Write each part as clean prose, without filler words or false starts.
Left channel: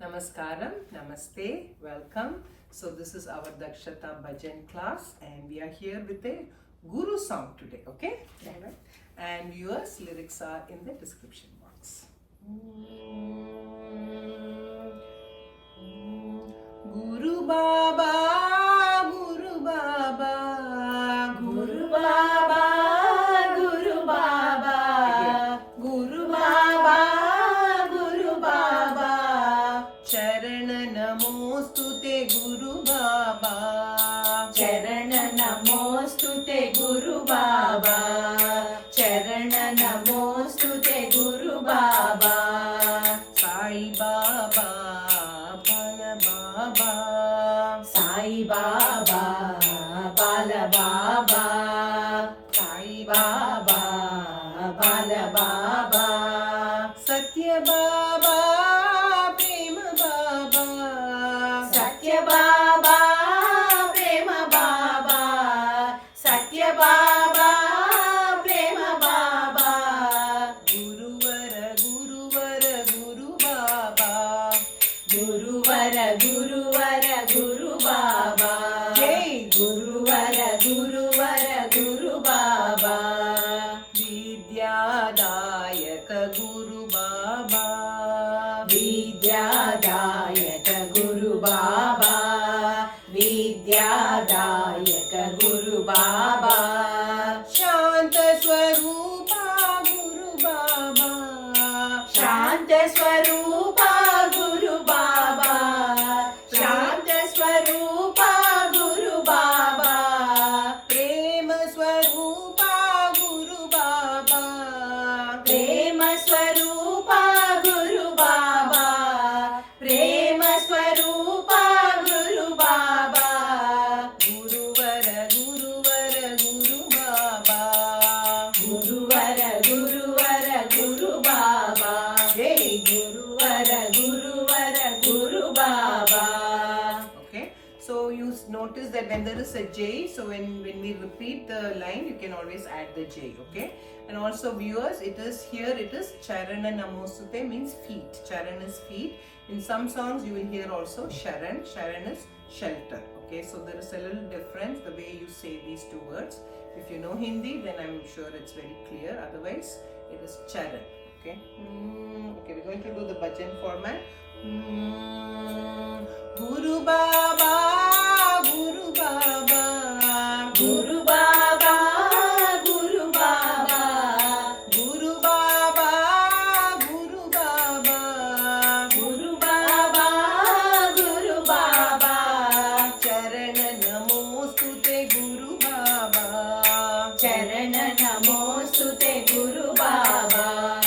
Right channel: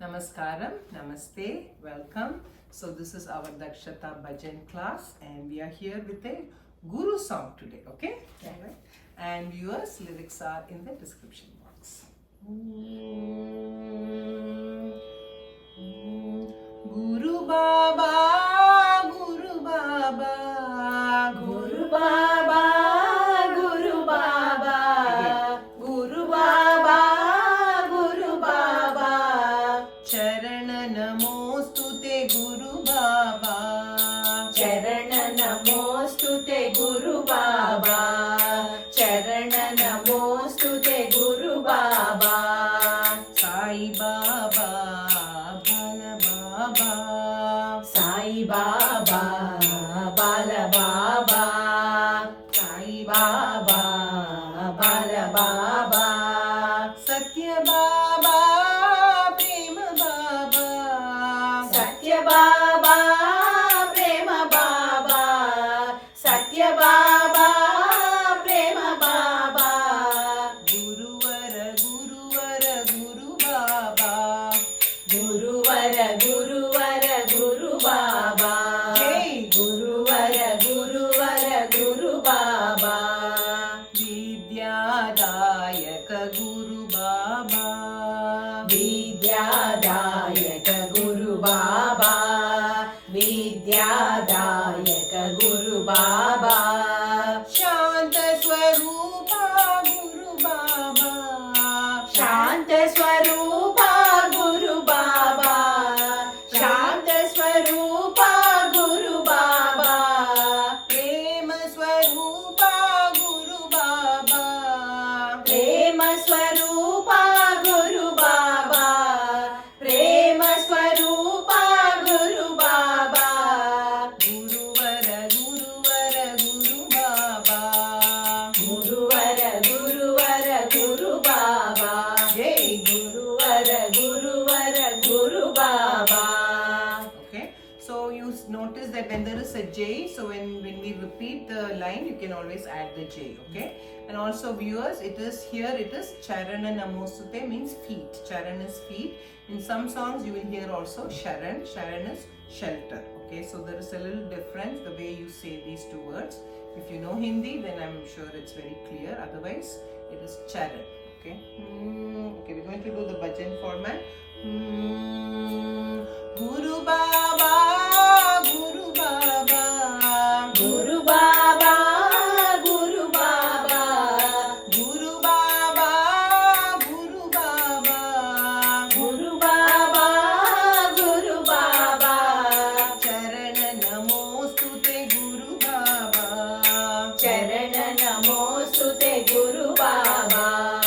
Namaskaram, Namaste, welcome. So this is our Dakshata Bhajan class and we are here with a Guru song today, okay? Yeah. Alright. And viewers, lyrics are in the description box. Guru Baba, Guru Baba, Guru Baba, Guru Baba, Guru Baba, Guru Baba, Charan Namostute Guru Baba, Charan Namostute Guru Baba, Charan Namostute Guru Baba, Sai Baba, Bala Baba, Sai Baba, Bala Baba, Sai Baba, Bala Baba, Satya Baba, Prema Baba, Satya Baba, Prema Baba, Satya Baba, Prema Baba, Guruvara, Guruvara, Guru Baba, Guruvara, Guruvara, Guru Baba, Jai Guruvara, Guruvara, Guru Baba, Vidyadayaka Guru Baba, Vidyadayaka Guru Baba, Vidyadayaka Guru Baba, Shanta Swarupa Guru Baba, Shanta Swarupa Guru Baba, Shanta Swarupa Guru Baba, Prema Swarupa Guru Baba, Prema Swarupa Guru Baba, Prema Swarupa Guru Baba, Guruvara, Guruvara, Guru Baba, Guruvara, Guruvara, Guru Baba, Jai Guruvara, Guruvara, Guru Baba. Okay, so you notice that when there is a J, so when we repeat the line, you can always add the J, okay? And also viewers, it is Charana Namostute means feet. Charan is feet. In some songs you will hear also Sharan. Sharan is shelter, okay? So there is a little difference the way you say these two words. If you know Hindi, then I'm sure it's very clear. Otherwise, it is Charan, okay? Okay, we're going to do the bhajan format. Guru Baba, Guru Baba, Guru Baba, Guru Baba, Guru Baba, Guru Baba, Guru Baba, Guru Baba, Charan Namostute Guru Baba, Charan Namostute Guru Baba,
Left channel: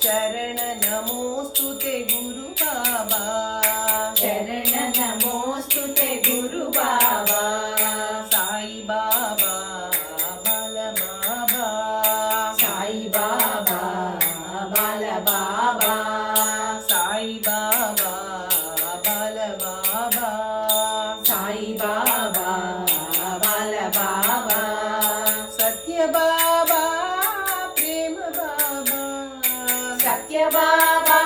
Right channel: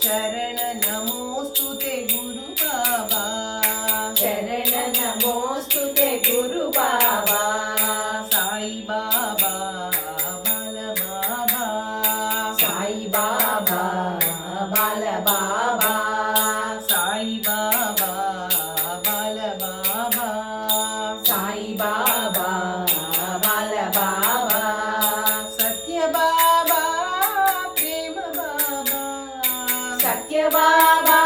Charan Namostute Guru Baba, Charan Namostute Guru Baba, Sai Baba, Bala Baba, Sai Baba, Bala Baba, Sai Baba, Bala Baba, Sai Baba, Bala Baba, Satya Baba, Prema Baba, Satya Baba,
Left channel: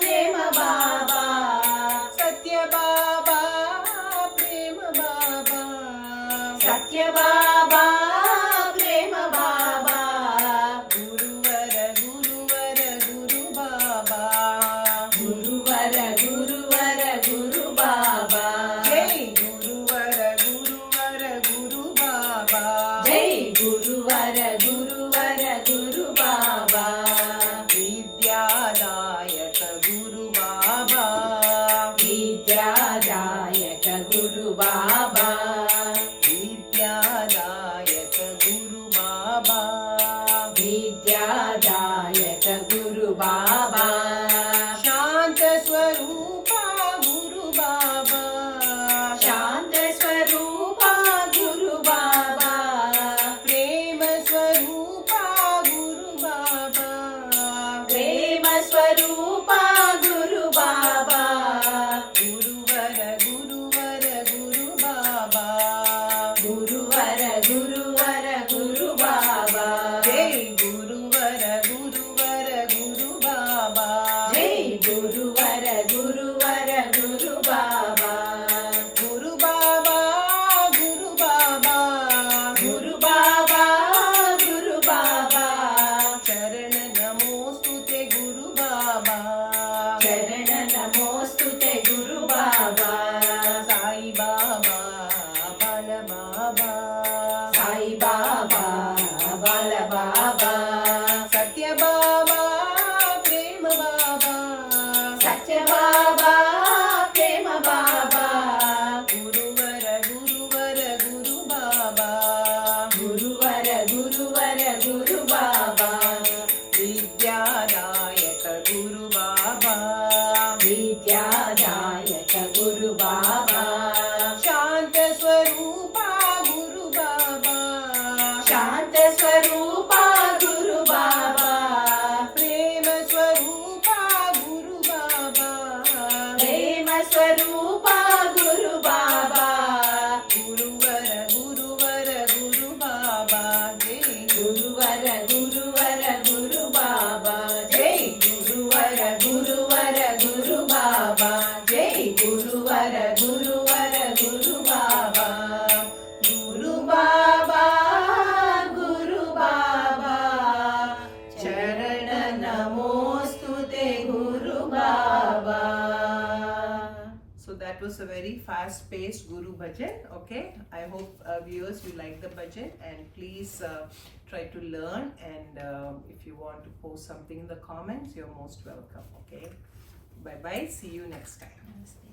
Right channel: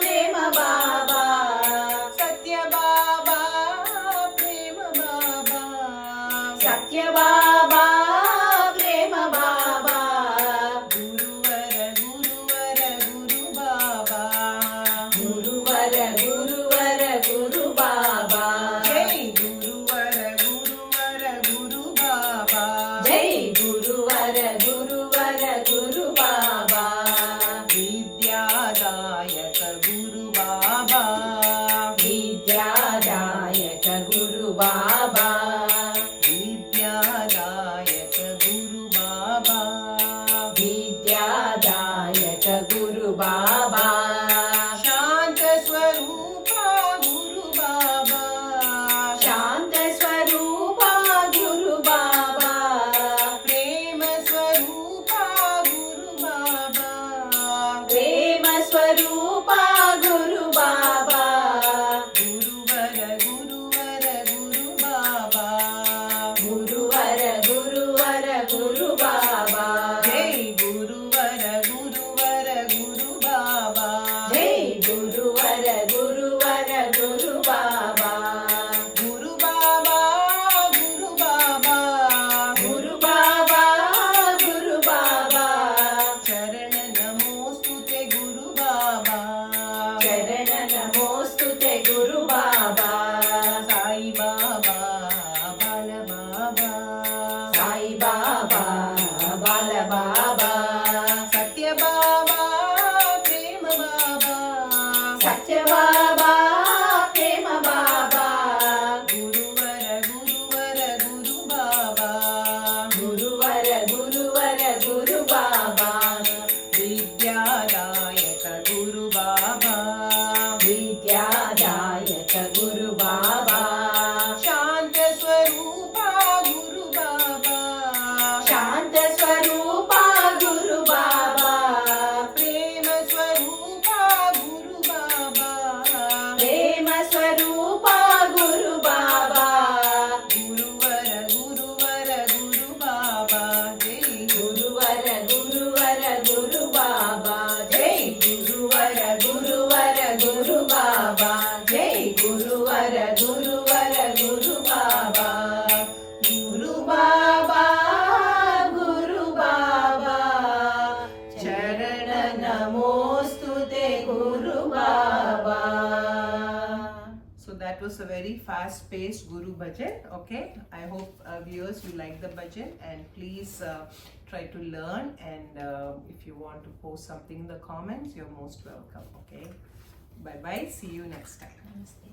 Prema Baba, Satya Baba, Prema Baba, Satya Baba, Prema Baba, Guruvara, Guruvara, Guru Baba, Guruvara, Guruvara, Guru Baba, Jai Guruvara, Guruvara, Guru Baba, Jai Guruvara, Guruvara, Guru Baba, Vidyadayaka Guru Baba, Vidyadayaka Guru Baba, Vidyadayaka Guru Baba, Vidyadayaka Guru Baba, Shanta Swarupa Guru Baba, Shanta Swarupa Guru Baba, Prema Swarupa Guru Baba, Prema Swarupa Guru Baba, Guruvara, Guruvara, Guru Baba, ಶರಣ ನಮೋಸ್ತುತೆ ಗುರು ಬಾಬಾ ಸಾಯಿ ಬಾಬಾ ಬಾಲ ಬಾಬಾ ಸಾಯಿ ಬಾಬಾ ಬಾಲ ಬಾಬಾ ಸತ್ಯ ಬಾಬಾ ಪ್ರೇಮ ಬಾಬಾ ಸತ್ಯ ಬಾಬಾ ಪ್ರೇಮ ಬಾಬಾ ಗುರುವರ ಗುರುವರ ಗುರು ಬಾಬಾ ಗುರುವರ ಗುರುವರ ಗುರು ಬಾಬಾ ವಿದ್ಯಾದಾಯಕ ಗುರು ಬಾಬಾ ವಿದ್ಯಾದಾಯಕ ಗುರು ಬಾಬಾ ಶಾಂತ ಸ್ವರೂಪ ಗುರು ಬಾಬಾ ಶಾಂತ ಸ್ವರೂಪ ಗುರು ಬಾಬಾ ಪ್ರೇಮ ಸ್ವರೂಪ ಗುರು ಬಾಬಾ ಪ್ರೇಮ ಸ್ವರೂಪ ಗುರು ಬಾಬಾ ಗುರುವರ ಗುರುವರ ಗುರು ಬಾಬಾ ಜೈ ಗುರುವರ ಗುರುವರ ಗುರು ಬಾಬಾ ಜೈ ಗುರುವರ ಗುರುವರ ಗುರು ಬಾಬಾ ಜೈ ಗುರುವರ ಗುರುವರ ಗುರು ಬಾಬಾ ಗುರು ಬಾಬಾ ಗುರು ಬಾಬಾ ಚರಣ ನಮೋಸ್ತುತೆ ಗುರು ಬಾಬಾ. So that was a very fast-paced Guru Bhajan. Okay, I hope viewers you like the bhajan, and please try to learn. And if you want to post something in the comments, you're most welcome. Okay, bye bye. See you next time. Namaste.